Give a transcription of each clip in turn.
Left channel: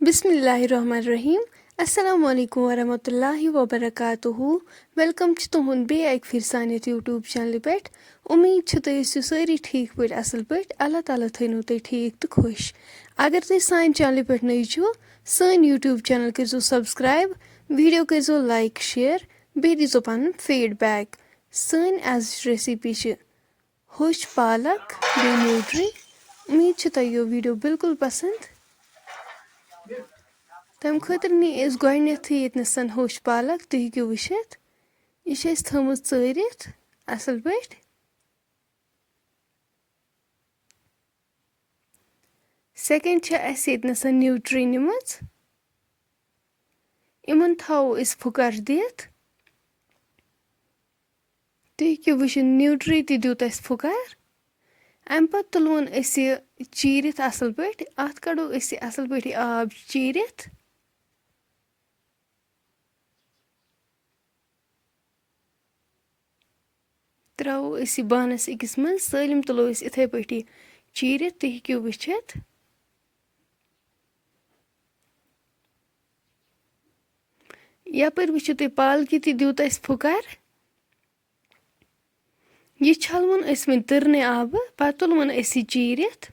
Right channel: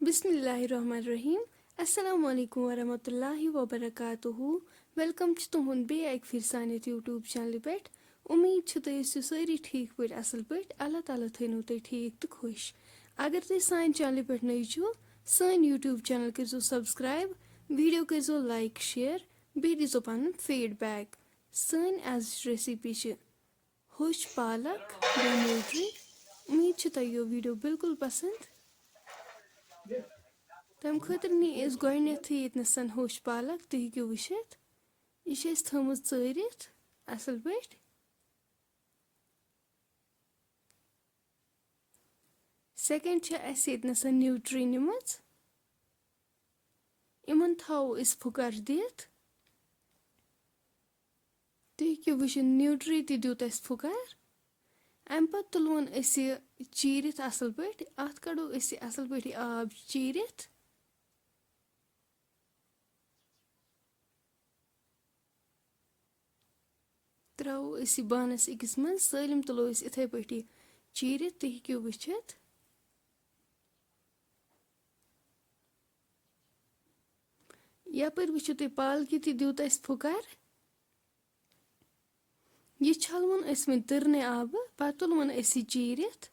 Bismillahirrahmanirrahim. Assalamu alaikum warahmatullahi wabarakatuhu. Welcome to तुहुंद बे एक फिर सानियत YouTube channel पे उम्मीद छ तुम ٲسِو سٲری ٹھیٖک پٲٹھۍ اصل پٲٹھۍ اللہ تعالیٰ تھٲینو تُہۍ ٹھیٖک تہٕ خۄش اگر تُہۍ سانہِ چینلہِ پٮ۪ٹھ نٔے چھِو سٲنۍ YouTube چینل کٔرزیو سبسکرایب ویٖڈیو کٔرزیو لایک شیر بیٚیہِ دیٖزیو پنُن فیٖڈبیک سٲنۍ أزِچ ریسِپی چھِ ہوٚچھ پالک بیٚیہِ نیوٗٹری اُمید چھِ تۄہہِ یہِ ویٖڈیو بالکل پسنٛد تمہِ خٲطرٕ نی أسۍ گۄڈنیٚتھٕے ییٚتنَس ہوٚچھ پالک تُہۍ ہیٚکِو وٕچھِتھ یہِ چھِ أسۍ تھٲومٕژ ژٲرِتھ اصل پٲٹھۍ سیکنڈ چھِ اَسہِ ییٚتنَس نیوٗٹری نِمٕژ یِمن تھاوو أسۍ پھُکر دِتھ تُہۍ ہیٚکِو وٕچھِتھ نیوٗٹری تہِ دیُت اَسہِ پھُکر اَمہِ پتہٕ تُلوُن أسۍ یہِ چیٖرِتھ اصل پٲٹھۍ اَتھ کڑو أسۍ یہِ اصل پٲٹھۍ یہِ آب چیٖرِتھ تراوو أسۍ یہِ بانس أکِس منٛز سٲلِم تُلو أسۍ یِتھے پٲٹھی چیٖرِتھ تُہۍ ہیٚکِو وٕچھِتھ یپٲرۍ وٕچھِو تُہۍ پالکہِ تہِ دیُت اَسہِ پھُکر یہِ چھلوُن أسۍ وۄنۍ تٕرنہِ آبہٕ پتہٕ تُلوُن أسۍ یہِ چیٖرِتھ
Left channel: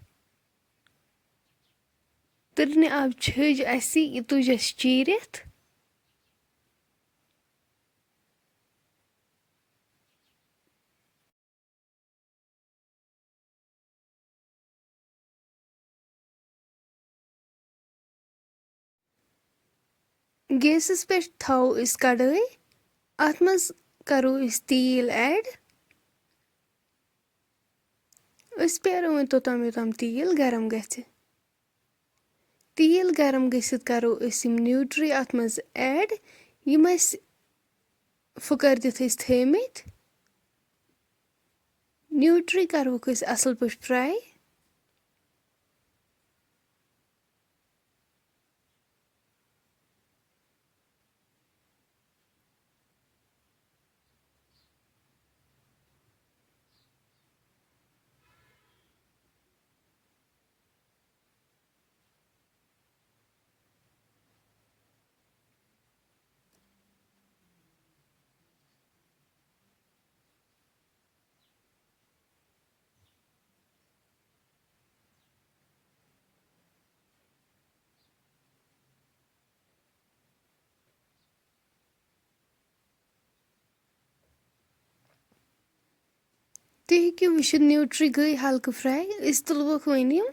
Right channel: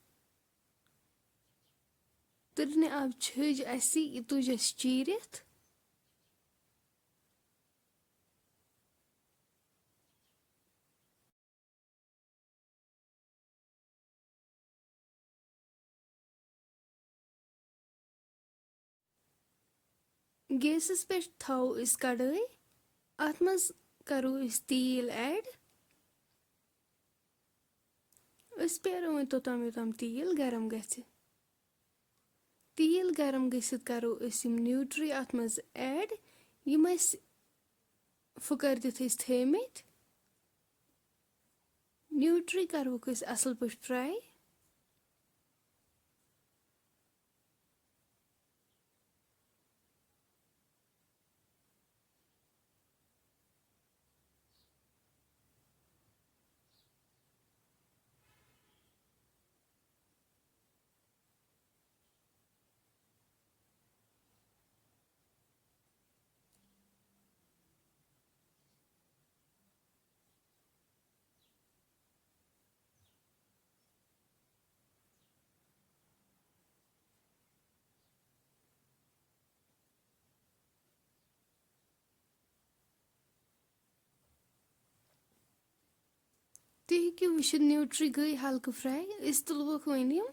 تٕرنہِ آبہٕ چھٔج اَسہِ یہِ تُج اَسہِ چیٖرِتھ گیسَس پٮ۪ٹھ تھاوو أسۍ کڑٲے اَتھ منٛز کرو أسۍ تیٖل ایڈ أسۍ پیارو وۄنۍ توٚتام یوٚتام تیٖل گرم گژھِ تیٖل گرم گٔژھِتھ کرو أسۍ یِم نیوٗٹری اَتھ منٛز ایڈ یِم أسۍ پھُکر دِتھ ٲسۍ تھٲمٕتۍ نیوٗٹری کروکھ أسۍ اصل پٲٹھۍ فراے تُہۍ ہیٚکِو وٕچھِتھ نیوٗٹری گٔے ہلکہٕ فراے أسۍ تُلوکھ وۄنۍ یِم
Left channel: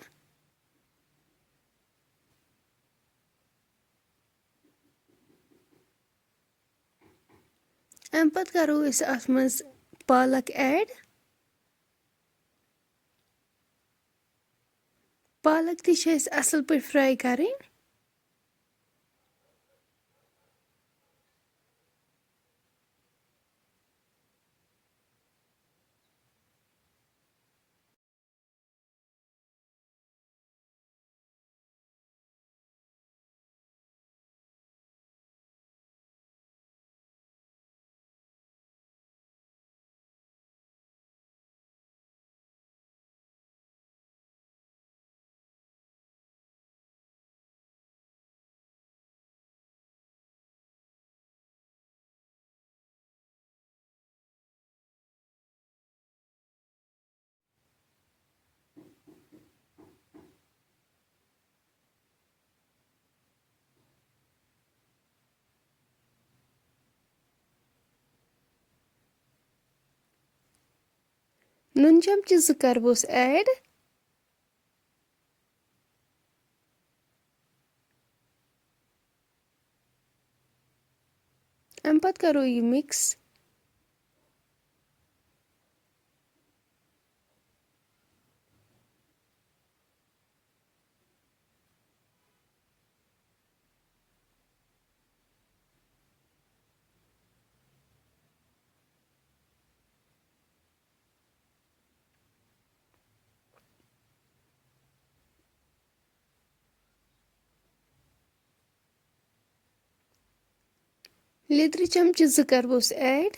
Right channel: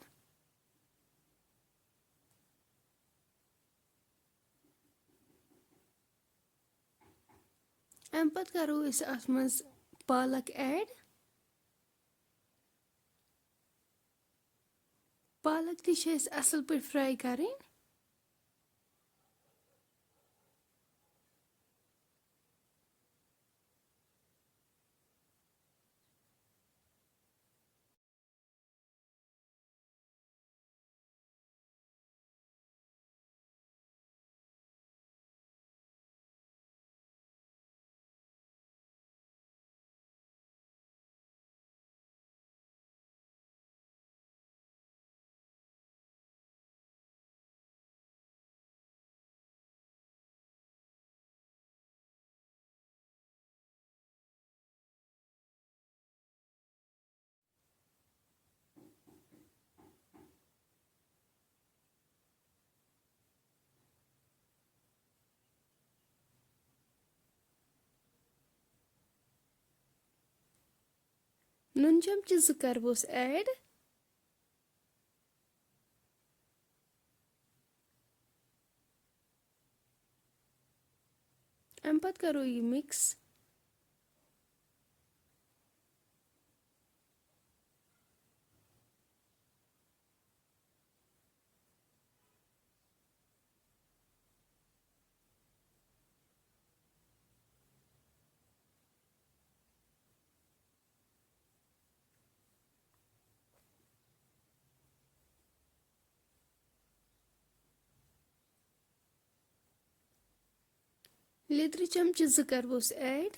اَمہِ پتہٕ کرو أسۍ اَتھ منٛز پالک ایڈ پالک تہِ چھِ اَسہِ اصل پٲٹھۍ فراے کرٕنۍ نُن چمچہٕ 2 کرہوس ایڈ اَمہِ پتہٕ کرو یہِ مِکس لیدرِ چمچہٕ 2 کرہوس ایڈ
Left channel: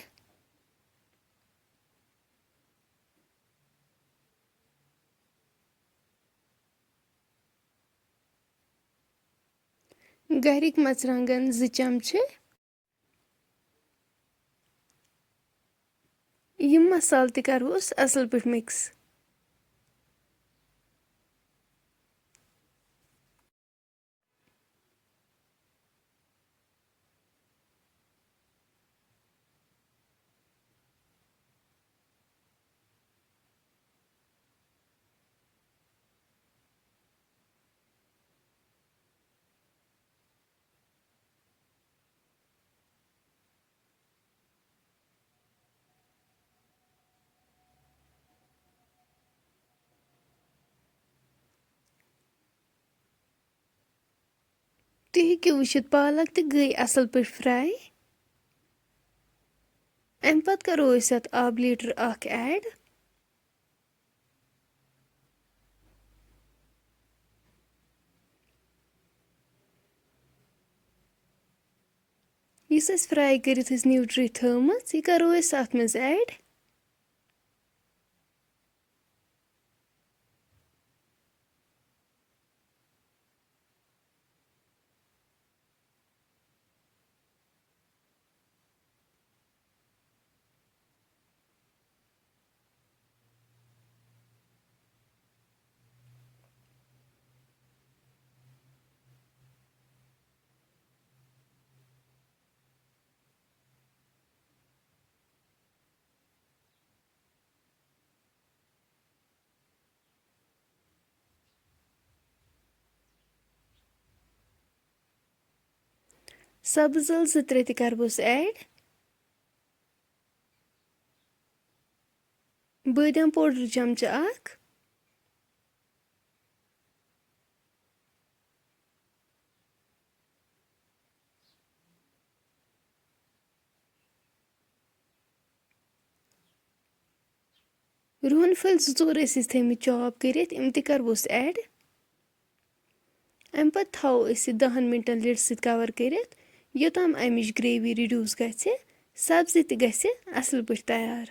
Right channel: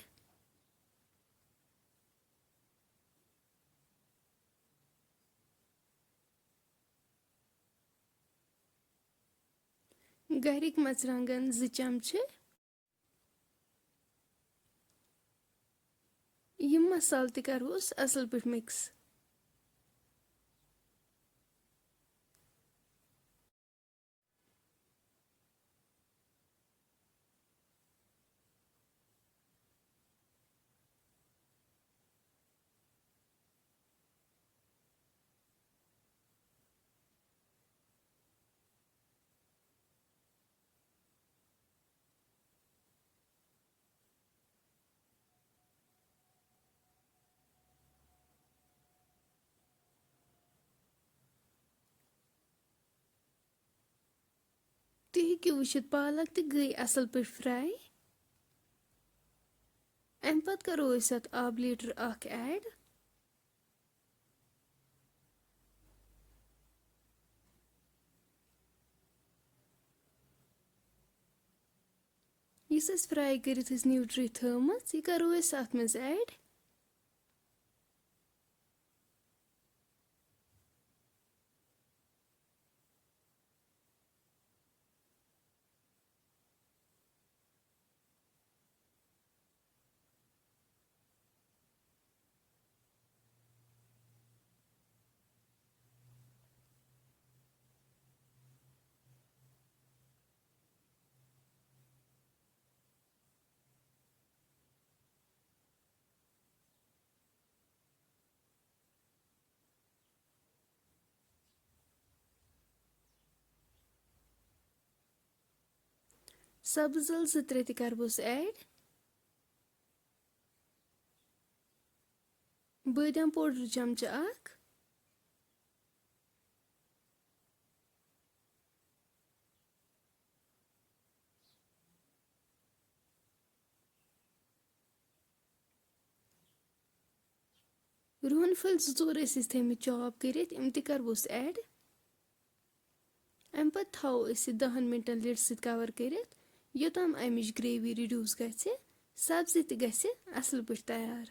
گَرِکۍ مَرژٕوانٛگَن 2 چمچہٕ. یِم مصالہٕ تہِ کَرہوس اَصٕل پٲٹھۍ مِکٕس. تُہۍ ہیٚکِو وٕچھِتھ پالک تہِ گٔے اَصٕل پٲٹھۍ فرٛاے. اَمہِ پَتہٕ کَرو أسۍ اَتھ آبہٕ لیٖٹر 1 ایڈ. یُس أسۍ فرٛاے کٔرِتھ ٲسۍ نیوٗٹرٛی تھٲومٕژ یہِ کَرو أسۍ اَتھ منٛز ایڈ. سبٕز ٲلہٕ 2-3 تہِ کَرہوس ایڈ. بٲدیان پوڈر چمچہٕ 1. رُہن پھٔلۍ 2-4 ٲسۍ تھٲمٕتۍ چاپ کٔرِتھ یِم تہِ کَرہوس ایڈ. اَمہِ پَتہٕ تھاوو أسۍ یہِ 10 مِنٹَن لِڈ سۭتۍ کَور کٔرِتھ یوٚتام اَمِچ گرٛیوی رِڈیوٗس گژھِ. سبزی تہِ گژھِ اَصٕل پٲٹھۍ تیار.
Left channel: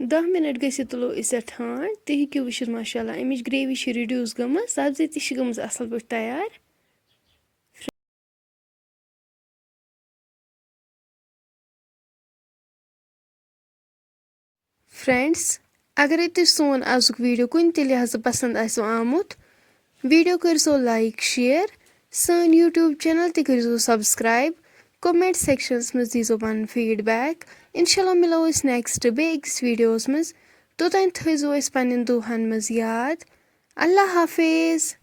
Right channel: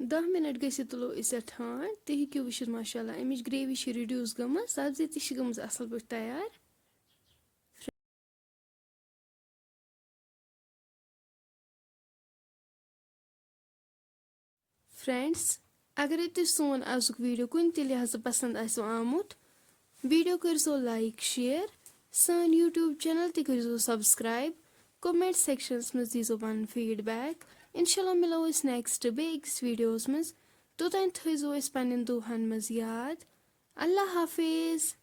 10 مِنٹ گٔژھِتھ تُلو أسۍ اَتھ ٹھانٛڈ. تُہۍ ہیٚکِو وٕچھِتھ ماشاءاللہ اَمِچ گرٛیوی چھِ رِڈیوٗس گٔمٕژ. سبزی تہِ چھِ گٔمٕژ اَصٕل پٲٹھۍ تیار. فرٛٮ۪نٛڈٕس اگرے تُہۍ سون آزُک ویٖڈیو کُنہِ تہِ لحاظہٕ پسنٛد آسیو آمُت ویٖڈیو کٔرۍزیو لایک شِیَر. سٲنۍ یوٗٹیوٗب چَنَل تہِ کٔرۍزیو سبسکرایب. کومٮ۪نٛٹ سٮ۪کشنَس منٛز دیٖزیو پَنُن فیٖڈبیک. اِنشاءاللہ مِلو أسۍ نٮ۪کسٹ بیٚیہِ أکِس ویٖڈیووَس منٛز. توٚتام تھٲیزیو أسۍ پنٛنٮ۪ن دُعاہَن منٛز یاد. اللہ حافظ.